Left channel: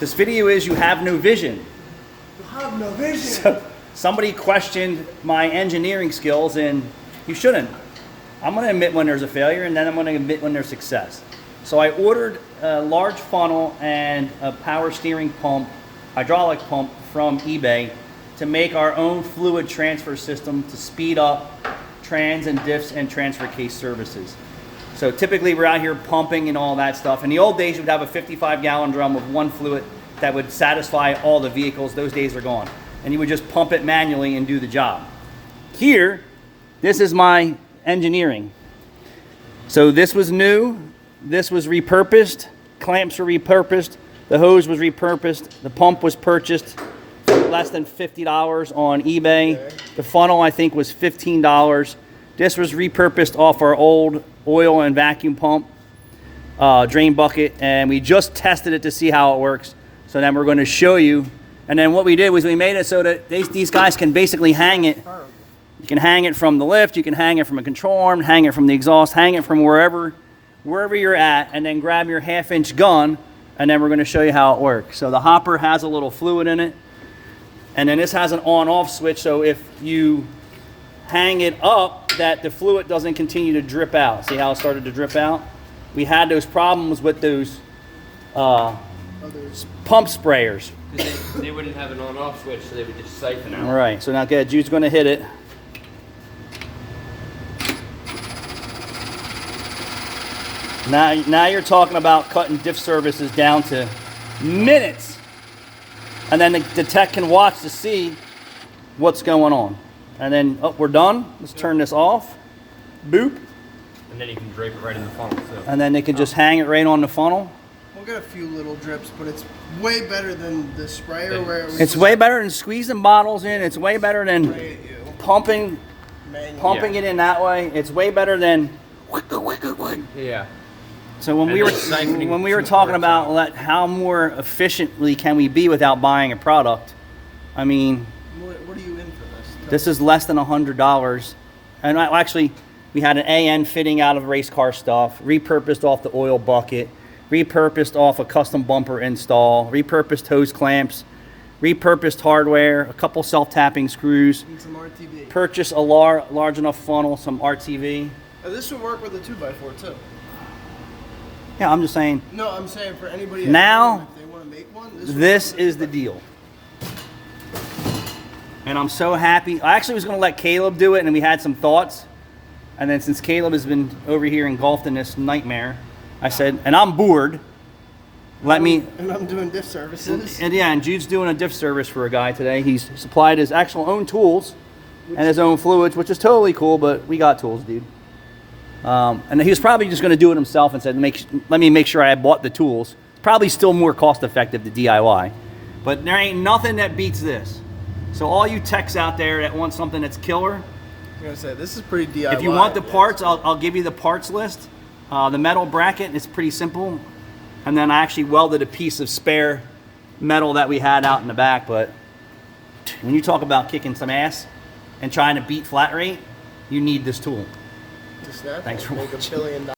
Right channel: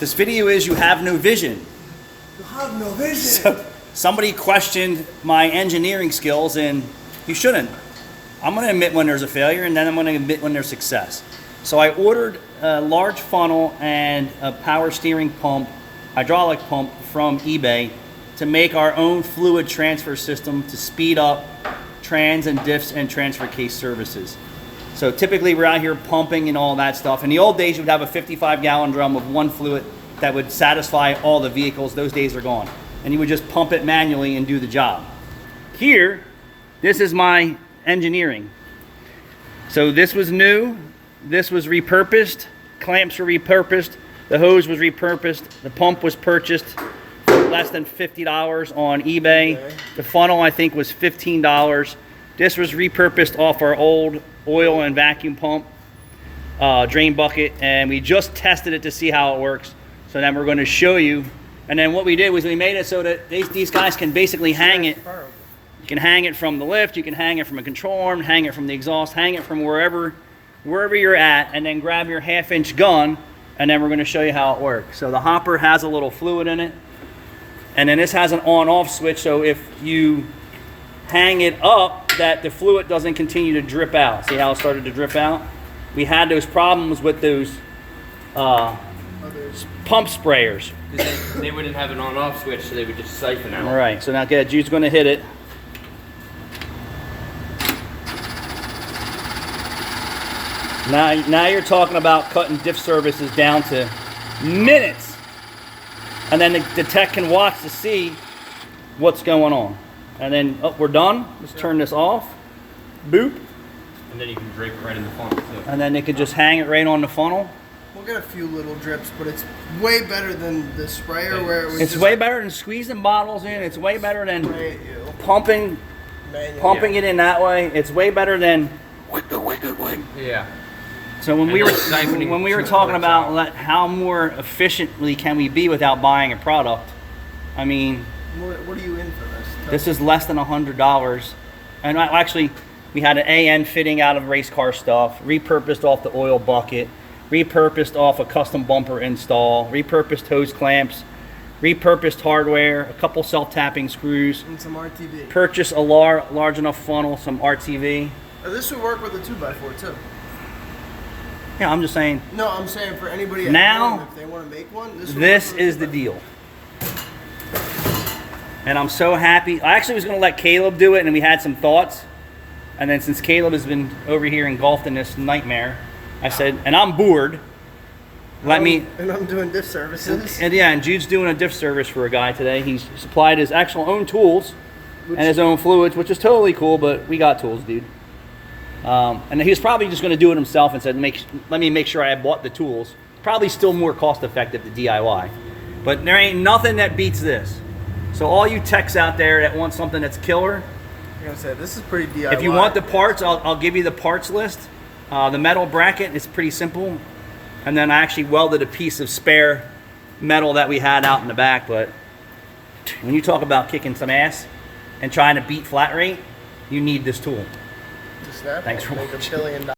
This video is you have no vision. You have no vision. So somebody questioned my engineering skills, and you shouldn't. I'm going to admit when there's a failure, and then I'm going to admit when there's success. So I ordered a large funnel and a power steering pump, hydraulic pump from eBay to make our own fluid transfer system to speed up trans and diffs and transfer case services. So typically we're out here pumping and all that stuff. In the old days, you would have a 55-gallon drum of one fluid that would satisfy all the vehicles. Those days are gone. And you would just pump it manually and do the job. Here, this is my engineering. So this was new. This was repurposed. Clamps were repurposed. The hose was repurposed. The pump was purchased for less than $50 on eBay. Okay. The funnel, I think, was $15. This was repurposed off our old oil and vacuum pump drain bucket, and we just tested it to see how it works. So then we're going to show you. And then what we did was we made it so that these guys can basically hang it. You can hang it from the lift, you can hang it from a control arm, hang it from the exhaust, hang it from wherever you're at, and then grab your 1/2-inch gun, and then we're going to show you how it works. So the hopper has a little fluid in it, and then this has an on-off switch, so if you hang it up, that the fluid doesn't continue to drip out. See how it started to drip out? We had those problems with those pump sprayers. They wouldn't have an on-off switch, so they would just siphon out. All right, so now Jude's going to hit it. Now you're talking about cutting diff services down to minutes. And then the tech can watch to see what's going on. And then, oh, we're done. Let's turn this off. Boop. And then you can drape it right in the funnel. So. And then they can just hang it right on the funnel. We'll get a few little drips, but it's way better than the sprayer where it was It's just way better than squeezing bottles in. It's way better than spray at you. pumping Manually. it in that way. It's way better than... Yeah. So when And we were it's siphoning when we were through talking the about how more efficiently can we be without buying a product, I mean, What are you in for this? this is less than $100. And actually, we had an AN fitting out of race car stuff, repurposed off the oil bucket, repurposed off a custom bumper install, repurposed hose clamps, repurposed hardware, a couple self-tapping screws, And some RTV. purchase a large enough funnel, some RTV. Oh, this would work with a 2x4 too. Yeah, I'm just saying, No, I'm saying for anybody at Now, home, if they want to make one, this would this work with is the deal. And I'm so happy. I actually was going to let Caleb do it, and we had some thoughts. And then since Caleb has been over here engulfed in this nightmare, I said, and I'm bored, let me... And I'm doing diff services. And yeah, and Jude's doing a diff service for a guy today. He's supplied his actual own tools and his own fluids, which is totally cool, but we got tools, dude. And he was probably just going to do it himself and said, let me make sure I bought the tools. Probably still more cost effective to DIY. But there ain't nothing that beats this. So all you techs out there that want something that's killer, I'm gonna say this is pretty DIY. if you want the parts, I'll give you the parts list. The metal bracket is pretty simple. And then I actually welded a piece of spare metal that we had out in the back. But when you talk about kicking some ass and trying to beat flat rate, you need this tool. To snap Thanks it, for make watching. $1 billion.